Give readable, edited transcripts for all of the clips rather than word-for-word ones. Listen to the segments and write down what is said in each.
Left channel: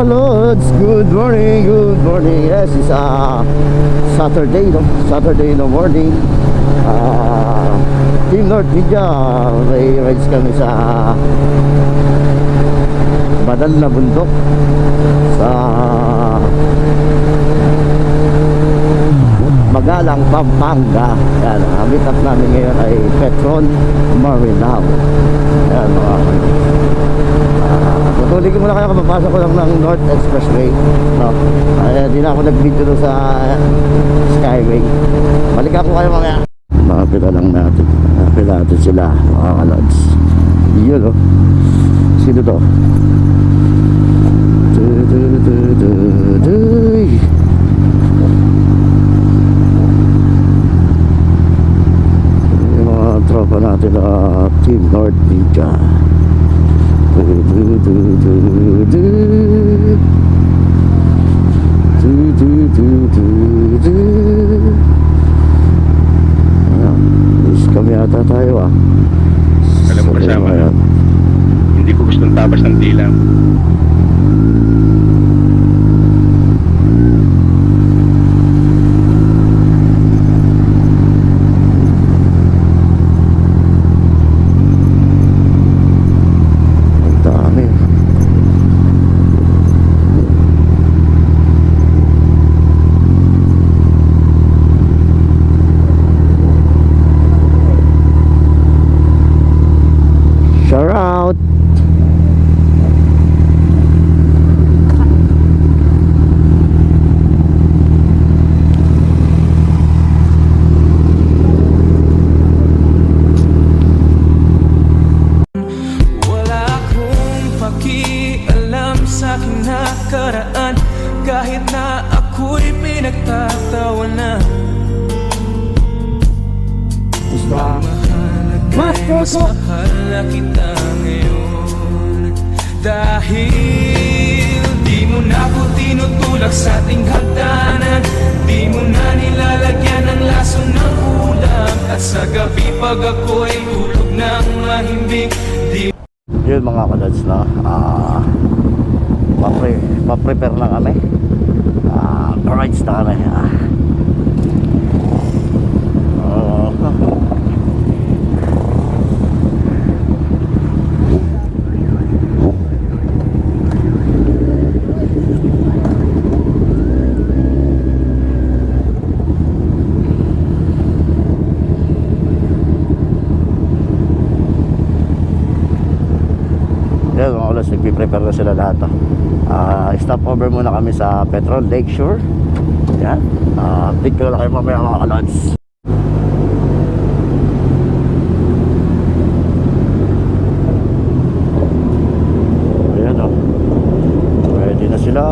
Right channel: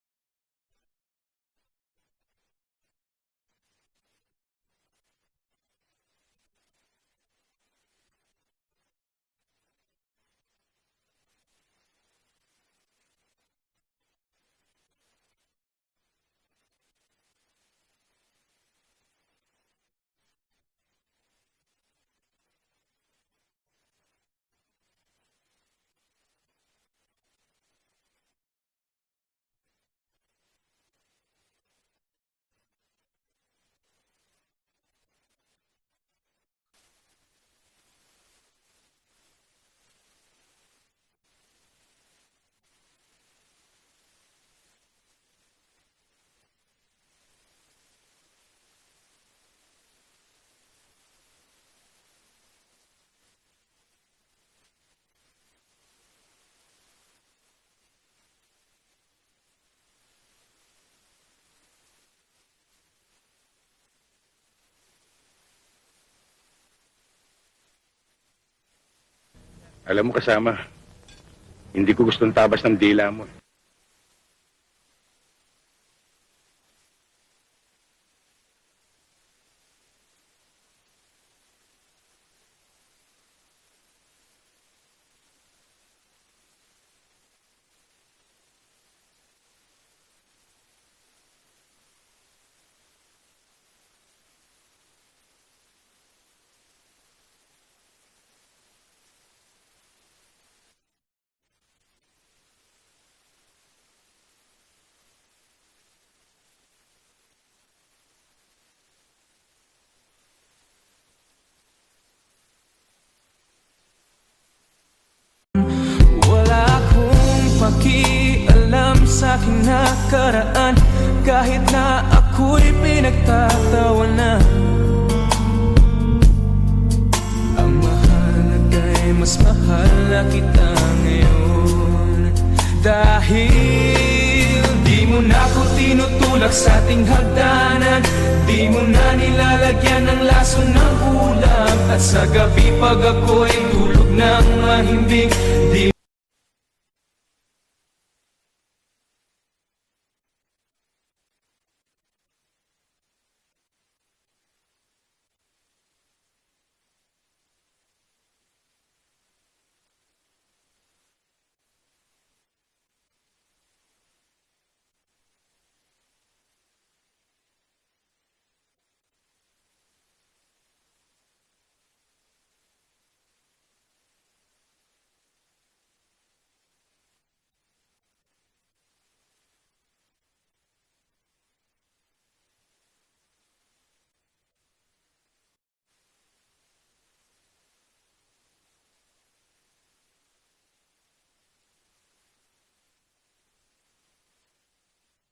kalods, good morning, good morning. Yes, it's Saturday, no? Saturday in the morning. Team North Media, may rides kami sa banal na bundok sa Magalang, Pampanga. Yan, meet up namin ngayon ay Petron Marilao. Yan, mga tutuloy ko muna kayo, kapapasok ko lang ng North Expressway, no? Di na ako nag-video doon sa Skyway. Balik ako kayo mamaya. Makapila lang natin. Makapila natin sila, mga kalods. Yun, oh. Sino to? Yung mga tropa natin na Team North Media. Kami ata tayo, ah. Alam mo, kasama, hindi ko gustong tabas ng dila mo. Aking nakaraan, kahit na ako'y pinagtatawanan. Ang mahalaga'y mas mahal na kita ngayon. Dahil di mo na ako tinutulak sa ating hagdanan, di mo na nilalagyan ng laso ng ulam. At sa gabi pag ako'y tulog ng mahimbing, di yun mga kalods, no? Pa-prepare na kami. Rides na kami. Yan mga kalods, nagpiprepare na sila lahat, oh. Stop over muna kami sa Petron Lakeshore. Yan. Update ko na kayo mamaya mga kalods. Ayan, oh. Ready na sila.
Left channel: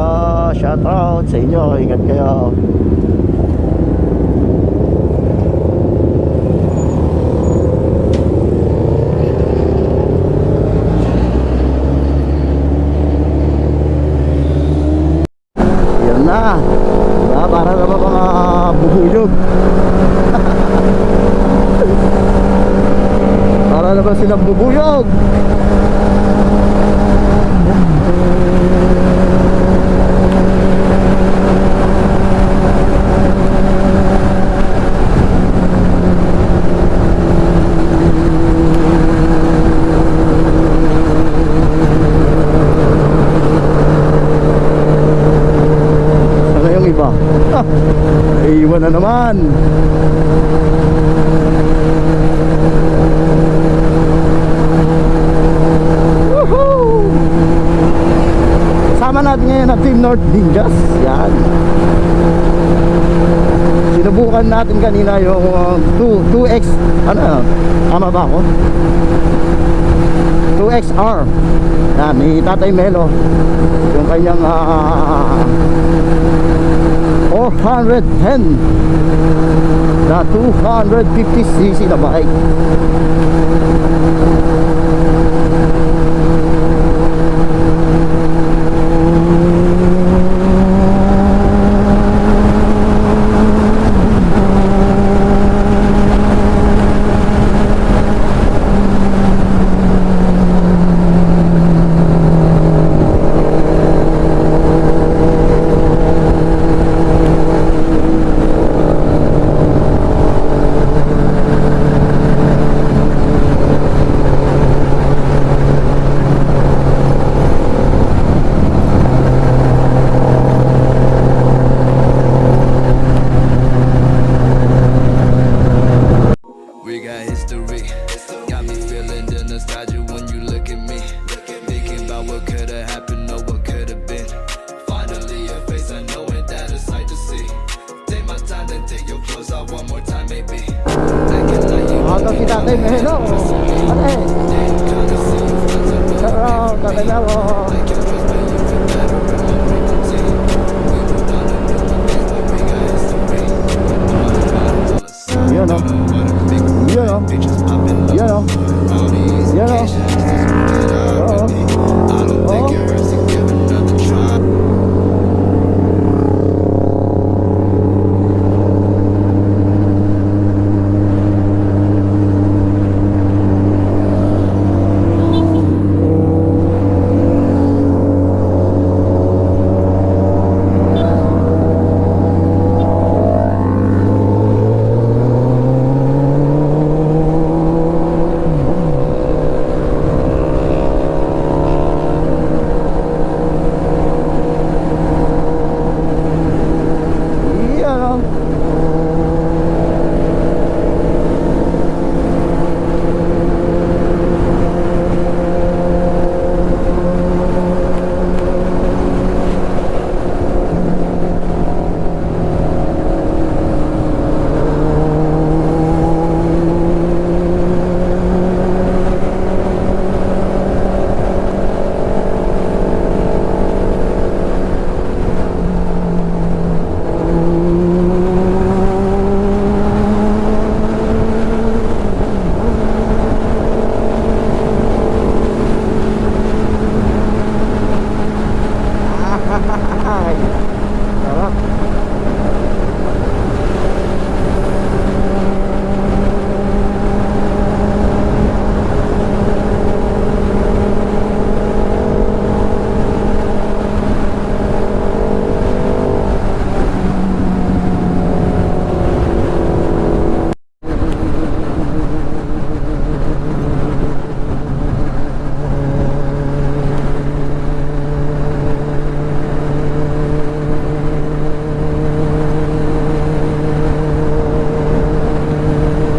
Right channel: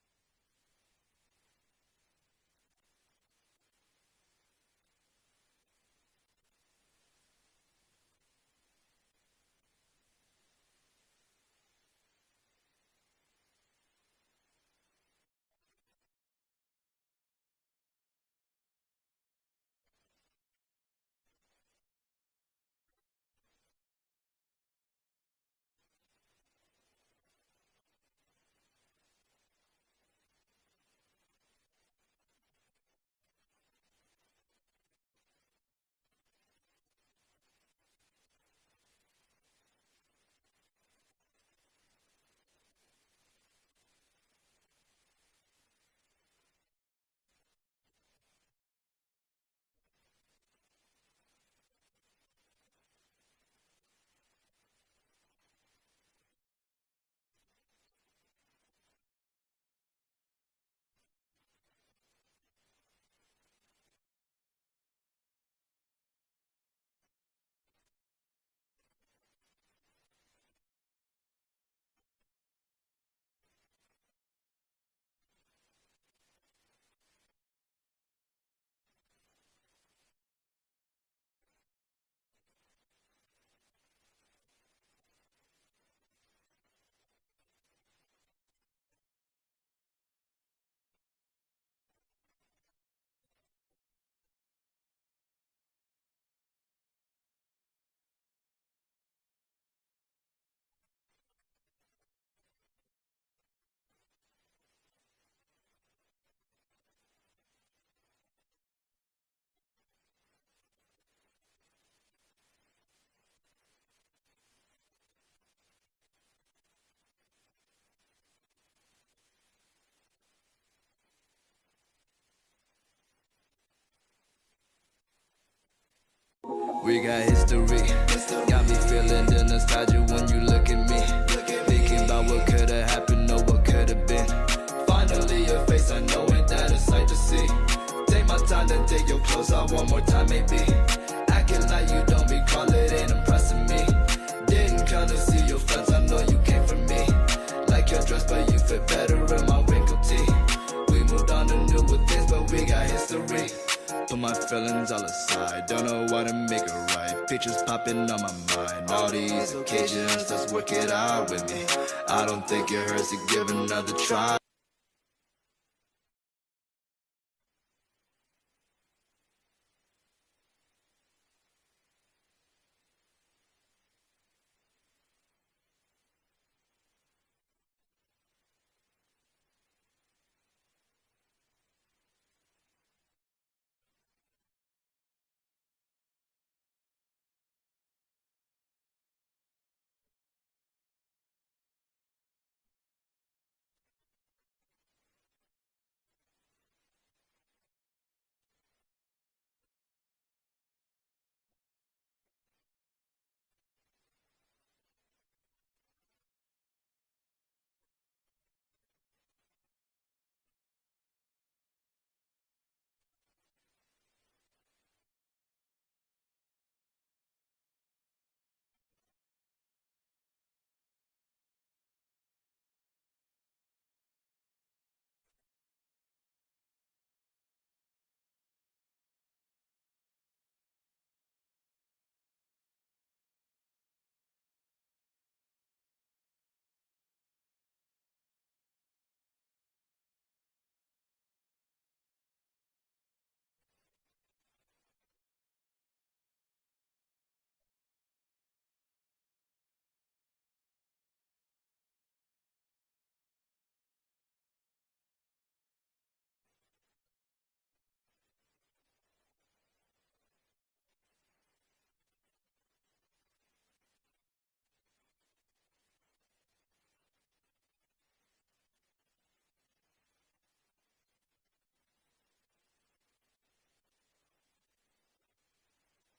Shout out sa inyo. Ingat kayo. Para naman mga bubuyog. Para naman silang bubuyog. Iwan na naman. Woohoo! Sama natin ngayon ang Team North Ninjas. Yan. Sinubukan natin kanina yung 2X, ano, tama ba ako? 2XR. Yan, ni Tatay Melo. Yung kanyang 410 na 250cc na bike. Ate, hello. Ate. Hello, tatay mo. You know. You know. Pictures popping up You know. all these You know. occasions. Let's work it out with me. I don't think it hurts to give another try. You know. Ay, sarap.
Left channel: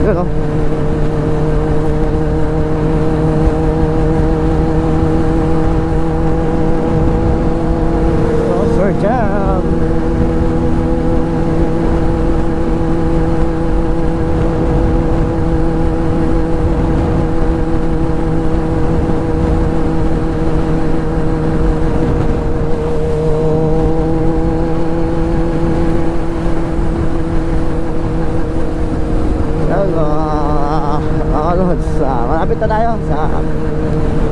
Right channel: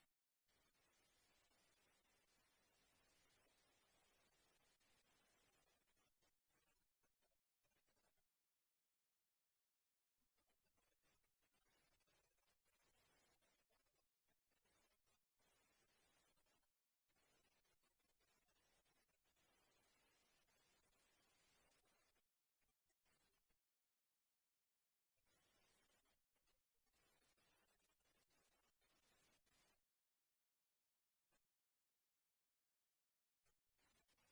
You know. Oh, Sir Jam. Yan, mga lods, malapit na tayo sa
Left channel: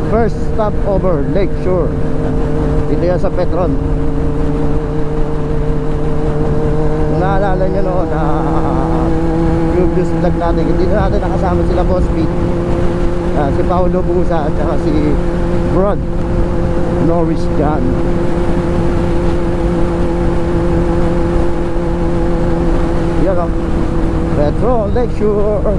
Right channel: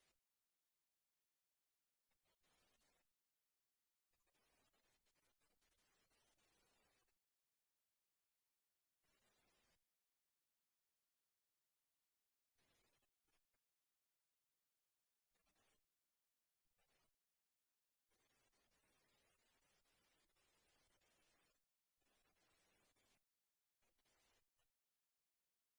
first stopover, Lakeshore. Dito yan sa Petron. Kung naalala nyo noon na previous vlog natin, hindi na natin nakasama sila Boss Pete, si Paolo Busa at saka si Brad Norris John. Yan o, Petron, Lakeshore.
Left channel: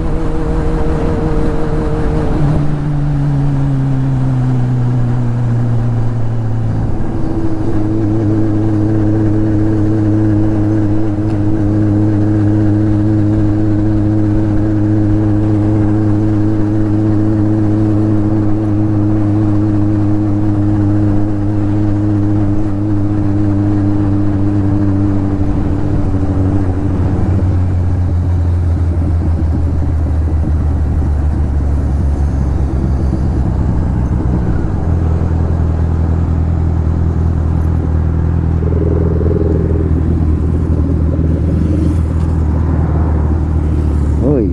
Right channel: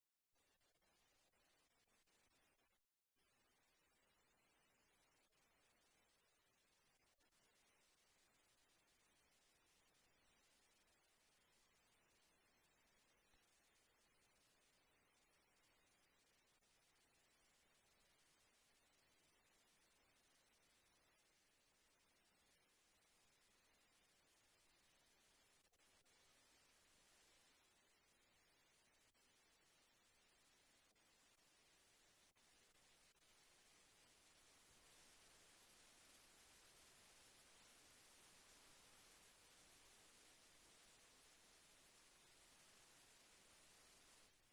Uy,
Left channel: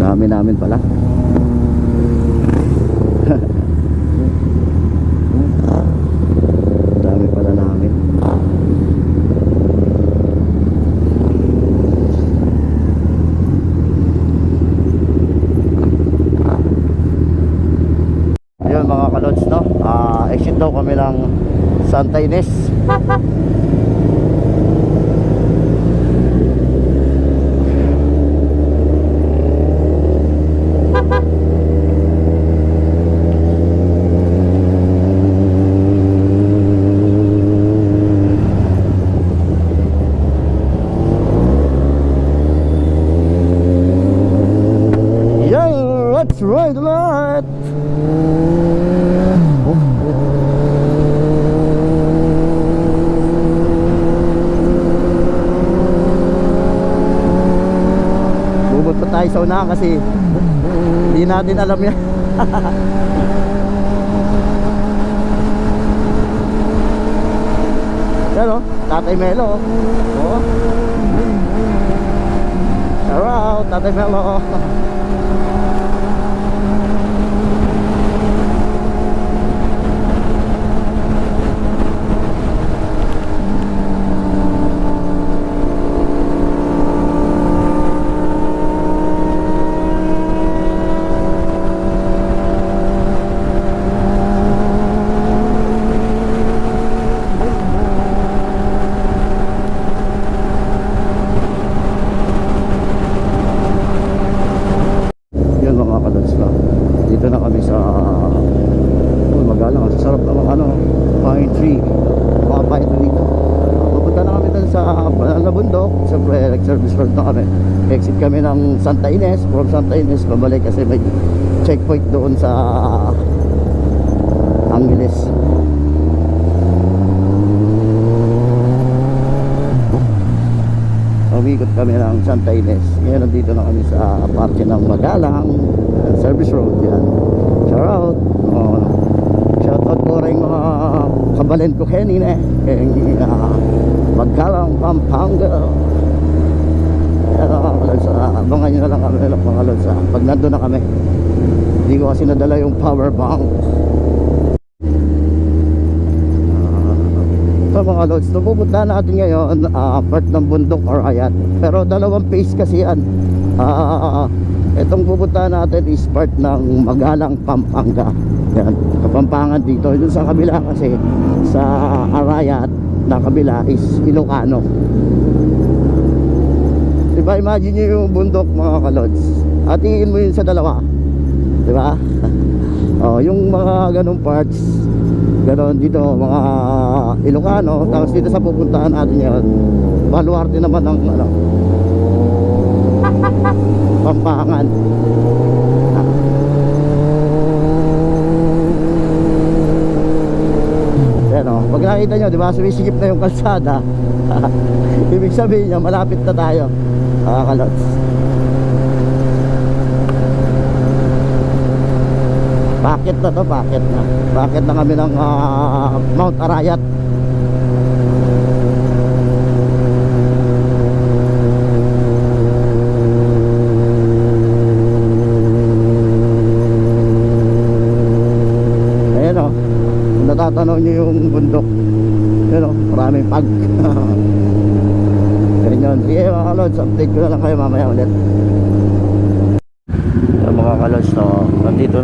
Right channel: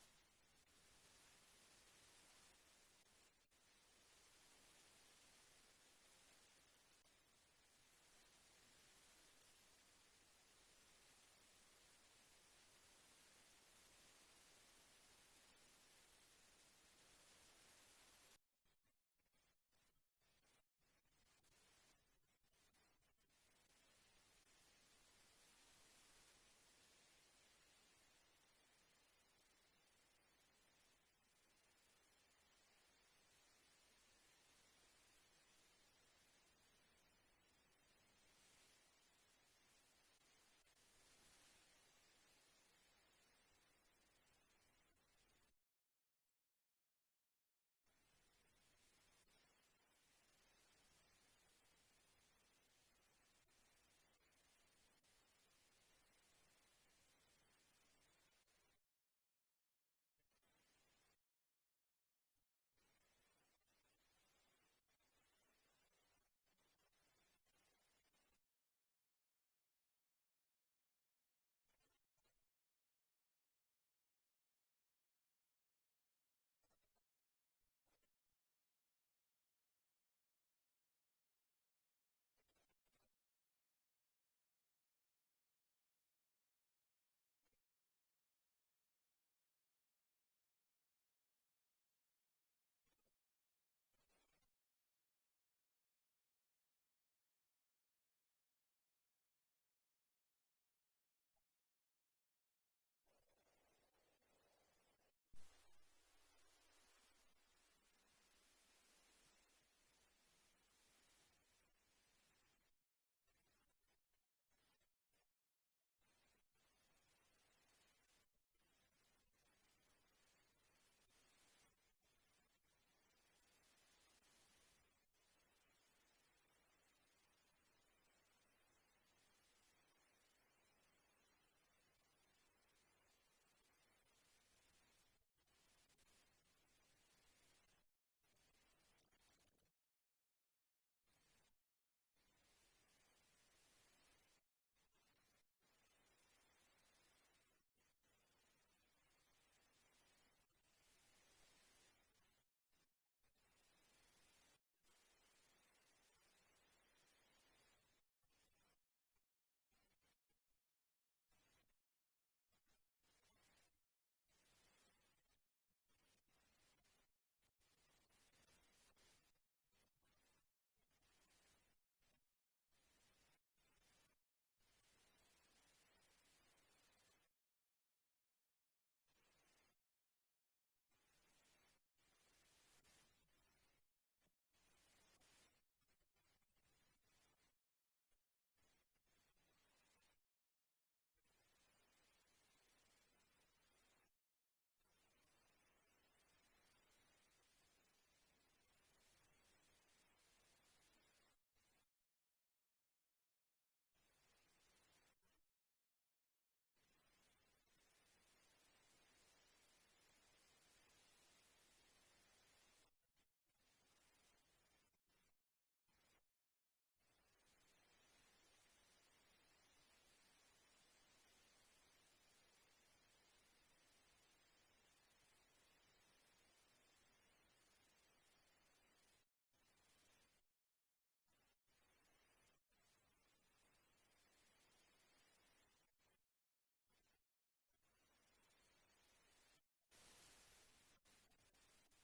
dami namin pala. Dami pala namin. Ayun mga kalods, no? Exit daw kami ng Santa Ines. Let's ride the light. punta tayo sa unahan kasi hindi natin alam yan. Yan o, Tatay Melo. Oo. Shout out, Tatay Melo. Dito na kami sa Magalang. Sarap naman pine tree, mga pine tree dito. Pupunta na kami dun sa banal na bundok. Siyempre service road na kami. Exit kami ng Santa Ines. From Santa Ines babalik kasi may checkpoint doon sa Angeles. Umikot kami ng Santa Ines. Ngayon nandito na kami sa parke ng Magalang service road. Yan. Shout out. Shout out po rin mga kabalen ko kanina Magalang, Pampanga. Abangan nyo na lang kami mga lods pag nandun na kami. Hindi ko kasi nadala yung power bank. Ito mga lods, napupunta natin ngayon part ng bundok or ayat. Pero dalawang phase kasi yan. Itong pupunta natin is part ng Magalang, Pampanga. Yan, Kapampangan dito. Doon sa kabila kasi sa Arayat na kabila is Ilocano. Diba, imagine nyo yung bundok mga kalods. Hatiin mo yun sa dalawa. Diba? Yung mga ganong parts, ganon dito mga Ilocano. Tapos dito sa pupuntahan natin yan, baluarte naman ng Pampangan. Pag nakita nyo, diba, sumisigip na yung kalsada. Ibig sabihin niya, malapit na tayo, kalods. Bakit na to, bakit na? Bakit na kami ng Mount Arayat? Natatanaw nyo yung bundok. Yun o, maraming pag. Ganyan. Sige mga kalods, update ko na lang kayo mamaya ulit. Yung mga kalods, nandito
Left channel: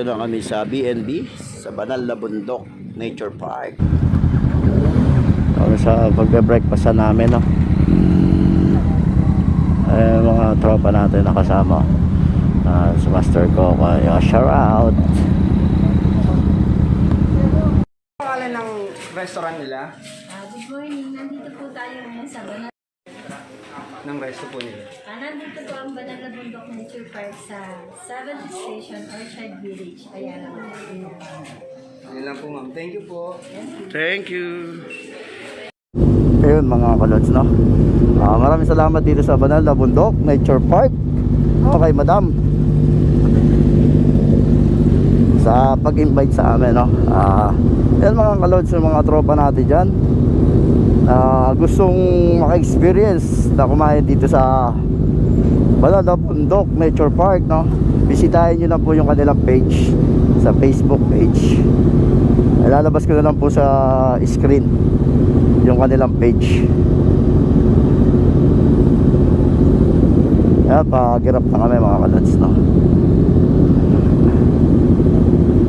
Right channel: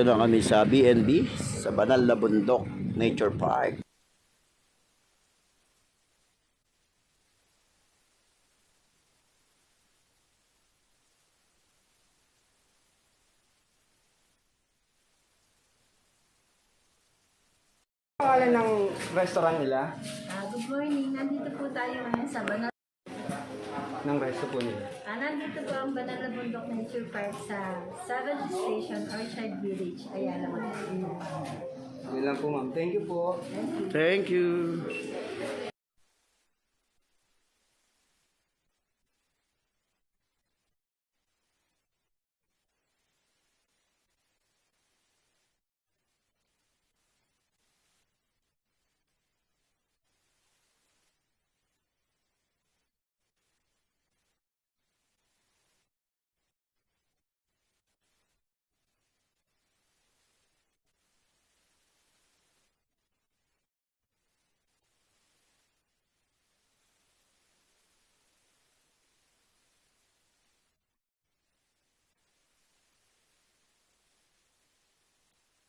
na kami sa BnB, sa banal na bundok nature park. Sa pagbe-breakfast namin, no? Mga tropa natin nakasama. Sa master ko, shout out. Ng restaurant nila? Good morning. Nandito po tayo ngayon sa banal. Ng resto po nila? Nandito po ang banal na bundok nature park sa 7th Station Orchard Village. Ayala mo. Yun lang po ma'am. Thank you po. Thank you. Ayun mga kalods, no? Maraming salamat dito sa banal na bundok nature park. Okay madam, sa pag-invite sa amin, no? Yan mga kalods, yung mga tropa natin dyan gustong maka-experience na kumain dito sa banal na bundok nature park, no? Bisitahin nyo lang po yung kanilang page sa Facebook page. Ilalabas ko na lang po sa screen yung kanilang page. Yan, pag-girap na kami mga kalods, no?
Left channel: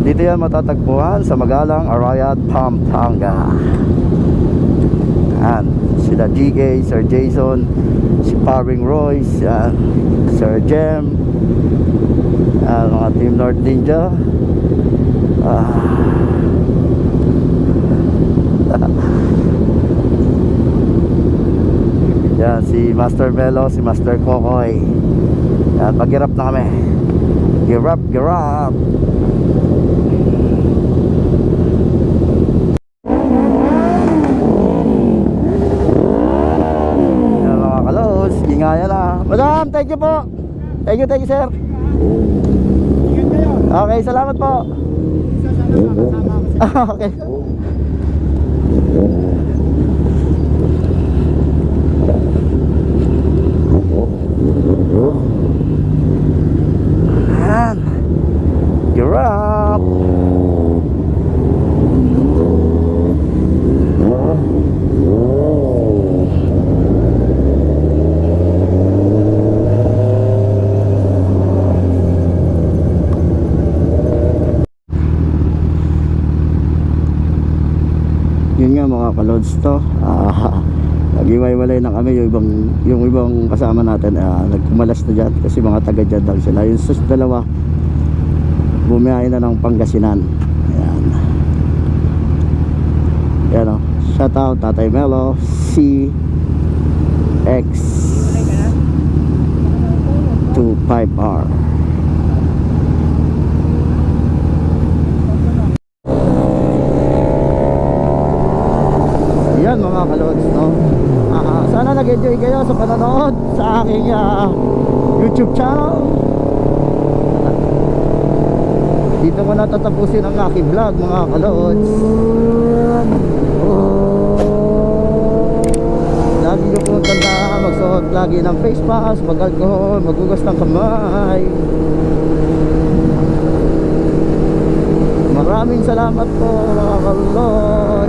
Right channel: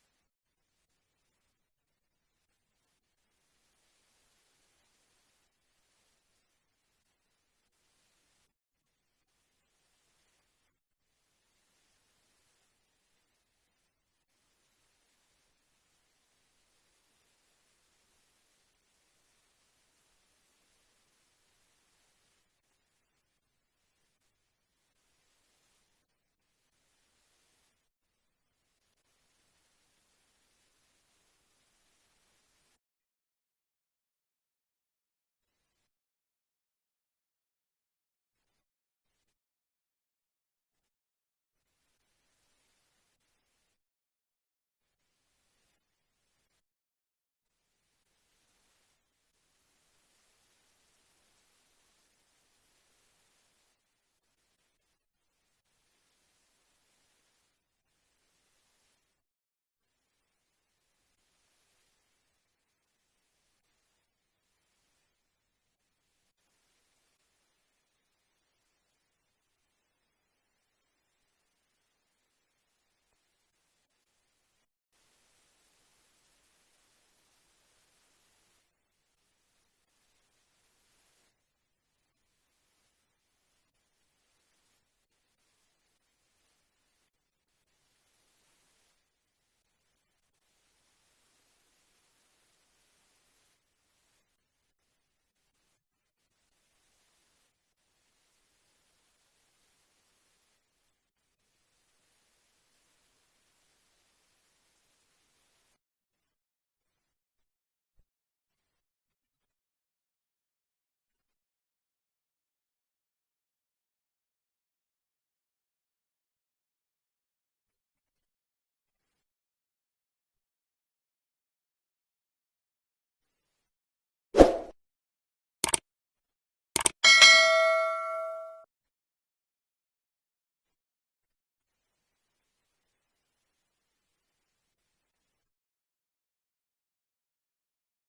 Dito yan matatagpuan sa Magalang, Arayat, Pampanga. Yan, sila GK, Sir Jason, si Paring Royce, yan, Sir Jem, yan, mga Team North Ninja. Yan, si Master Melo, si Master Kokoy. Yan, pag-girap na kami. Girap, girap. Ayan na. Madam, thank you po. Thank you, sir. Okay, salamat po. Okay. Ayan. You're up. Yun nga mga kalods to, nag-iwalay na kami. Yung ibang kasama natin nagkumalas na dyan kasi mga taga dyan lang sila. Yung sus dalawa bumiyahin na ng Pangasinan. Ayan. Ayan o, shout out Tatay Melo CX 25R. Yan mga kalods, no? Sana nag-enjoy kayo sa panonood sa aking YouTube channel. Dito ko natatapusin ang aking vlog mga kalods. Lagi ko pong tanda, magsuot lagi ng face mask, mag-alcohol, magugas ng kamay. Maraming salamat po mga kalods.